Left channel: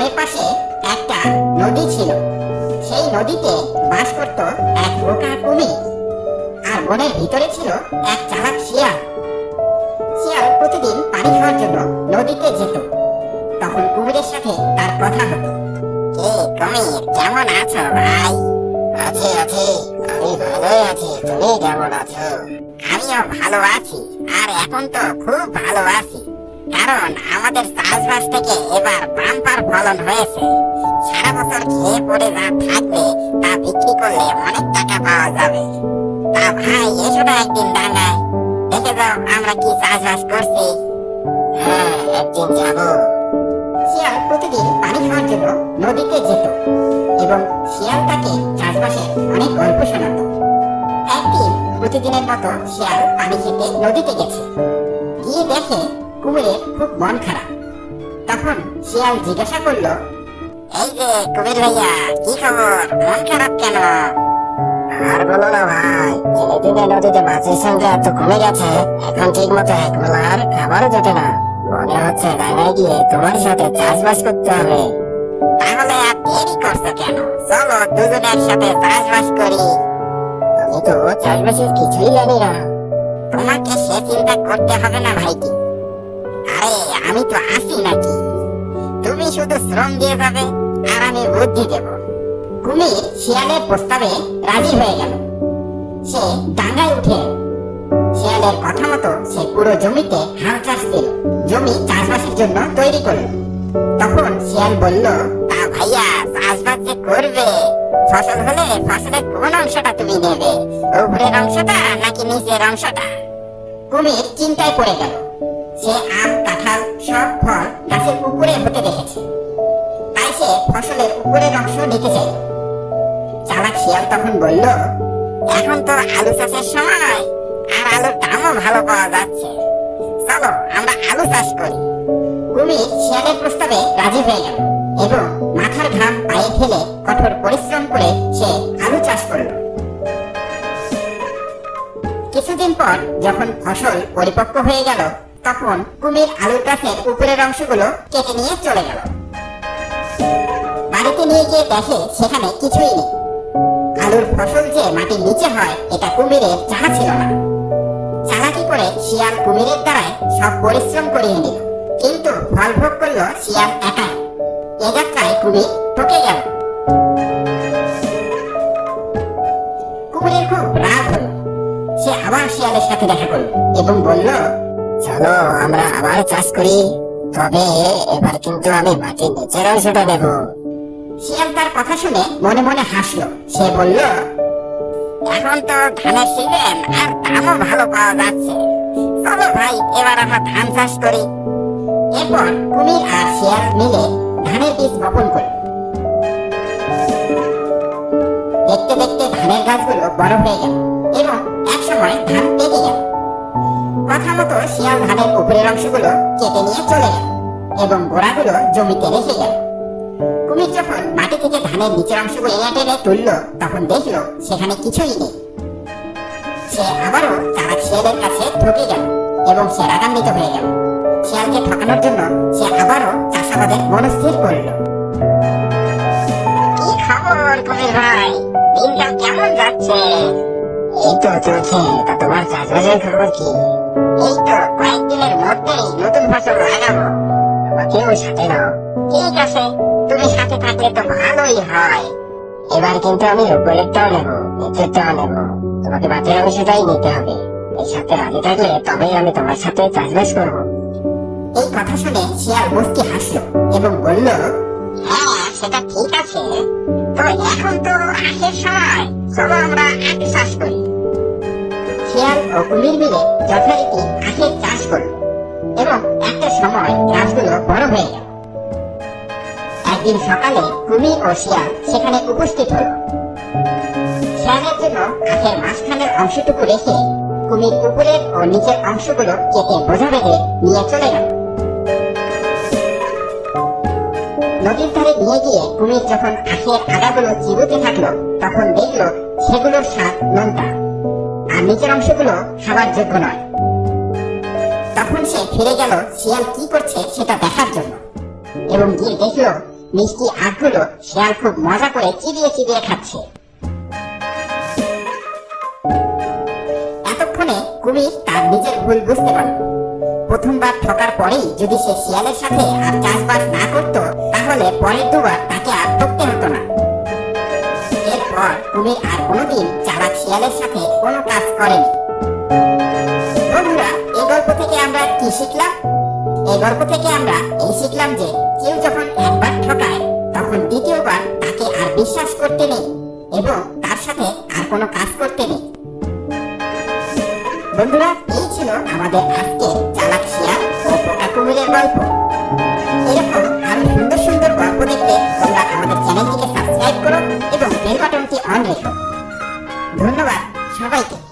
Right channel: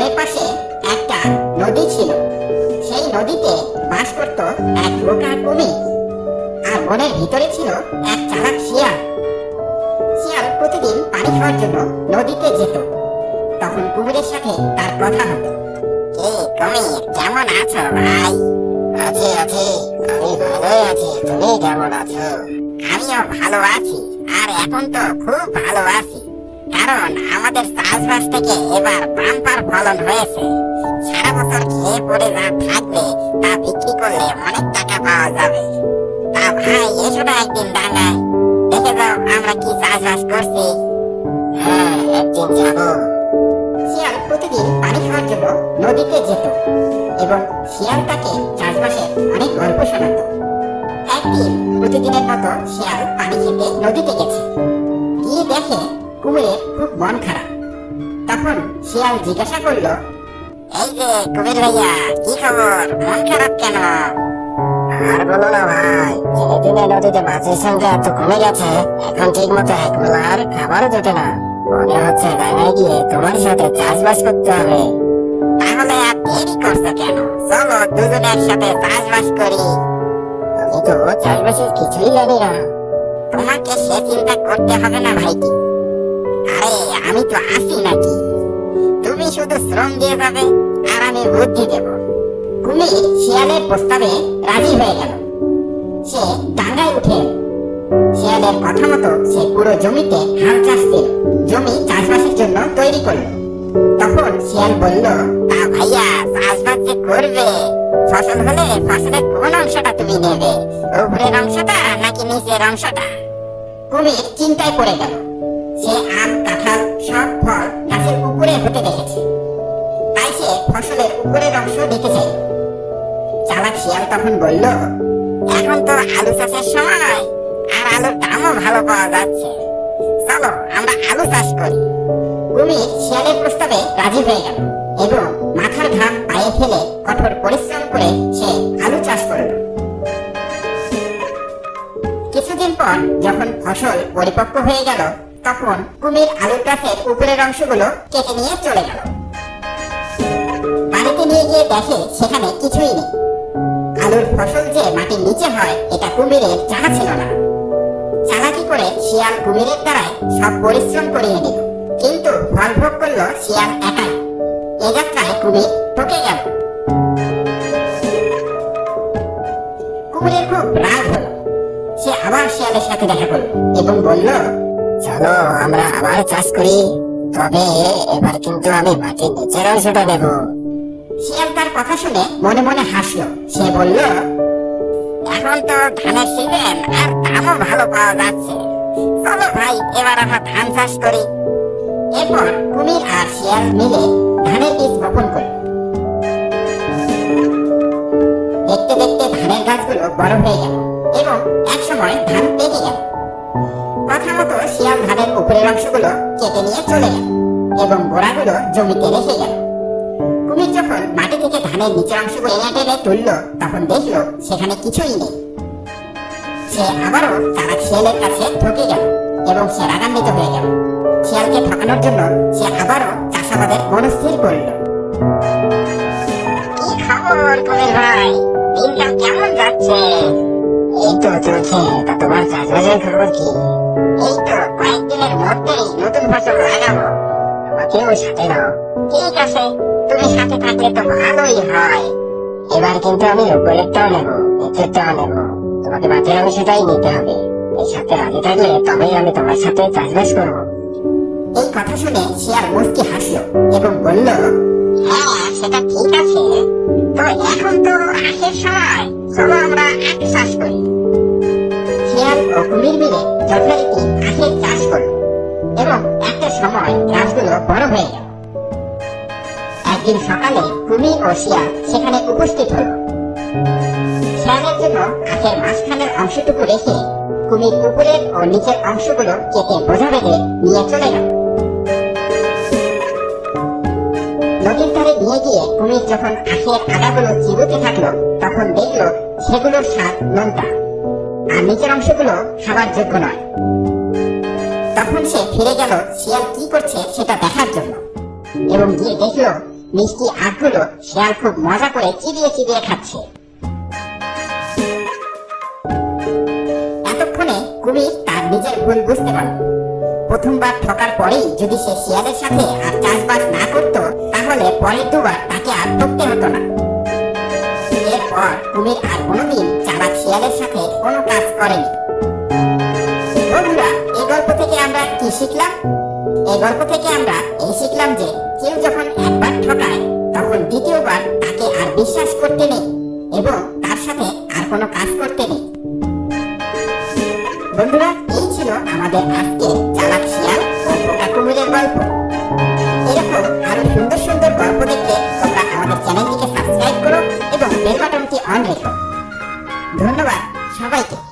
বনের পাশে একটা নদী ছিল। সেই নদীতে বাস করত এক বোকা কুমির আর বনের ভিতরে ছিল এক চালাক শিয়াল। শিয়াল প্রতিদিন পানি খাওয়ার জন্য নদীতে যেত। তখন কুমিরের সাথে তার কথা হতো। কে কুমির? কেমন আছো ভাই? আছি আছি। আমি ভালোই আছি। তুমি কেমন আছো? আমিও ভালো আছি। আর এখন তো খুব ভালো আছি। কারণ আমাদের চাষবাস থেকে এবার বাম্পার ফলন হয়েছে। সারা বছর খেয়ে পড়ে যা থাকবে, তা বিক্রি করলে অনেক টাকা পাওয়া যাবে। তা ভাই, এসো না একদিন ডাঙ্গায়। দেখে যাও আমরা কি চাষবাস করছি। হ্যাঁ একদিন যাব। শিয়াল প্রতিদিন পানি খাওয়ার জন্য নদীতে যেত এবং শিয়াল তাকে চাষবাসে অনেক গল্প শোনাতো। একদিন প্রতিদিনের মতো শিয়াল পানি খেতে নদীতে গেছে। গিয়ে দেখে কুমিরের খুব মন খারাপ। তখন শিয়াল জিজ্ঞাসা করল এই যে কুমির ভাইয়া কি খবর? মন খারাপ কেন? আর বলো না ভাই দিনে দিনে নদীতে মাছের সংখ্যা এত কমে গেছে এখন ঠিক মতো এক বেলার খাবারও জোটে না। মনে হচ্ছে ডাঙায় গিয়ে তোমার সাথে চাষবাস করতে হবে। তাহলে আর দেরি করছ কেন? চলো দুজনে একসাথে চাষবাস করি। আমি তো চাষবাসের কিছুই জানি না। তোমাকে সে চিন্তা করতে হবে না ভাইটি। আরে, আমি তো আসি নাকি? তুমি শুধু শ্রম দিয়ে যাবে, আর আমি বুদ্ধি দেব। কুমির শিয়ালের প্রস্তাবে রাজি হয়ে গেল। সে ডাঙ্গায় উঠে শিয়ালের কথা মতো সে পুরো জমিতে হাল চাষ দিল। জমি চাষবাসের জন্য তৈরি করল। তখন শিয়াল বলল, তা ভাইয়া, চাষবাস যে করবে? ফসল হলে ফসলের কোন অংশটা তুমি নেবে? উপরের অংশটা নাকি নিচের অংশটা? কুমির চিন্তায় পড়ে গেল। সে আম, কাঁঠাল সব ফল গাছের উপরে হতে দেখেছে। তাই সে ফসলের উপরের অংশ নিতে চাইল। চালাক শিয়াল তখন বলল, এখন তো আলু চাষের সময়, আর আলুর দামও ভালো পাওয়া যাচ্ছে। চলো, আমরা আলু চাষ করি। কুমির শিয়ালের প্রস্তাবে রাজি হয়ে গেল এবং মাথার ঘাম পায়ে ফেলে কঠোর পরিশ্রম করে সে আলু চাষ করল। কিছুদিন পর যখন ফসল পরিপক্ক হয়ে গেল তখন কুমির আলুর গাছের উপরের অংশগুলো কেটে নিয়ে চলে গেল। বাড়িতে নিয়ে গিয়ে দেখে সেখানে কিছুই নেই। আলুর ফসল যে মাটির নিচে হয়, এটা কুমিরের জানা ছিল না। চালাকি করে শিয়াল কুমিরের দ্বারাই সব পরিশ্রম করিয়ে নিল। কিন্তু ফল ভোগ করল শিয়াল একাই। এ যাত্রায় কুমির ঠকে গেল। কুমিরের খুব রাগ হলো। সে আবার শিয়ালের সাথে দেখা করল এবং বলল চলো, আমরা আবার চাষ করি। তবে এবার কিন্তু আমি মাটির নিচের অংশটা নেব শিয়াল তার কথা শুনে মনে মনে হাসলো। সে বলল, এখন তো ধানের সিজন আর দামও ভালো পাওয়া যাচ্ছে। চলো ভাই, এবার আমরা ধান চাষ করি। এরপর কুমির আর শিয়াল মিলে ধানের বীজ বপন করল। দেখতে দেখতে ধানের গাছগুলো বড় হয়ে গেল এবং এক সময় ধান পেকে গেল। কথা মতো শিয়াল ধানের উপরের অংশগুলো কেটে নিয়ে চলে গেল এবং গোড়াগুলো জমিতে রেখে গেল কুমির যখন মাটি থেকে ধানের নিচের অংশগুলো এনে টেনে তুললো, তখন দেখল সেখানে কিছুই নেই। সে আবারও চালাক শিয়ালের কাছে ঠকে গেল এবং সে রাগান্বিত হয়ে গেল। শিয়ালকে ঠকানোর জন্য সে আবারও চাষাবাদের মনস্থির করল। কি খবর কুমির ভাই? দিনকাল কেমন যাচ্ছে? এই এবার কিন্তু আমি উপরেরটাও নেব নিচেরটাও নেব তোমাকে মাঝের অংশটাই নিতে হবে এই সাথে রাজি থাকলে তবেই আমি তোমার সাথে চাষবাস করব এই কথা শুনে শিয়াল মুস্কি হাসলো এবং বলল হ্যাঁ সেটা ঠিক আছে। তো এখন তো আখের সময়। চলো আমরা চাষ করি। শিয়াল ও কুমির মিলে যথারীতি আখের চাষ করল এবং একটা সময় গাছগুলো বড় হয়ে গেল একদিন সকালে কুমির ও শিয়াল সেখানে উপস্থিত হলো। শিয়ালের জন্য আখের মাঝখানের অংশটুকু রেখে কুমির উপরের ও নিচের অংশগুলো কেটে বোঝা বেঁধে নিয়ে চলে গেল। নদীর ধারে নিয়ে গিয়ে কুমির যখন আখের আগাগুলো চিবুতে থাকল, তখন দেখল সেগুলোর স্বাদ নোনতা। আর নিচের অংশগুলো খাবার যোগ্য নয়। তখন সে ফিরে গেল, শিয়াল কি করছে সেটা দেখার জন্য। এবং গিয়ে দেখল, মিষ্টি আখগুলো শিয়াল খুব মজা করে চিবিয়ে চিবিয়ে খাচ্ছে। এতক্ষণে কুমির তার নিজের ভুল বুঝতে পারল। প্রথমবার ঠকার পরেই যদি সে শিয়ালের সাথে আর চাষবাস না করত তাহলে পরের দুবার তাকে আর ঠকতে হতো না। এরপর কুমির আর কোনোদিন চালাক শিয়ালের সাথে কোনো কাজ করেনি। বন্ধুরা এই গল্প থেকে আমরা কি শিখলাম? এই গল্প থেকে আমরা এই শিখলাম যে কেউ যখন একবার ঠকায়, তখন দ্বিতীয়বার তাকে আর বিশ্বাস করতে নেই এবং তার সাথে আর কোনো কাজ করতে নেই। বন্ধুরা, এই ছিল আমাদের আজকে সবাইকে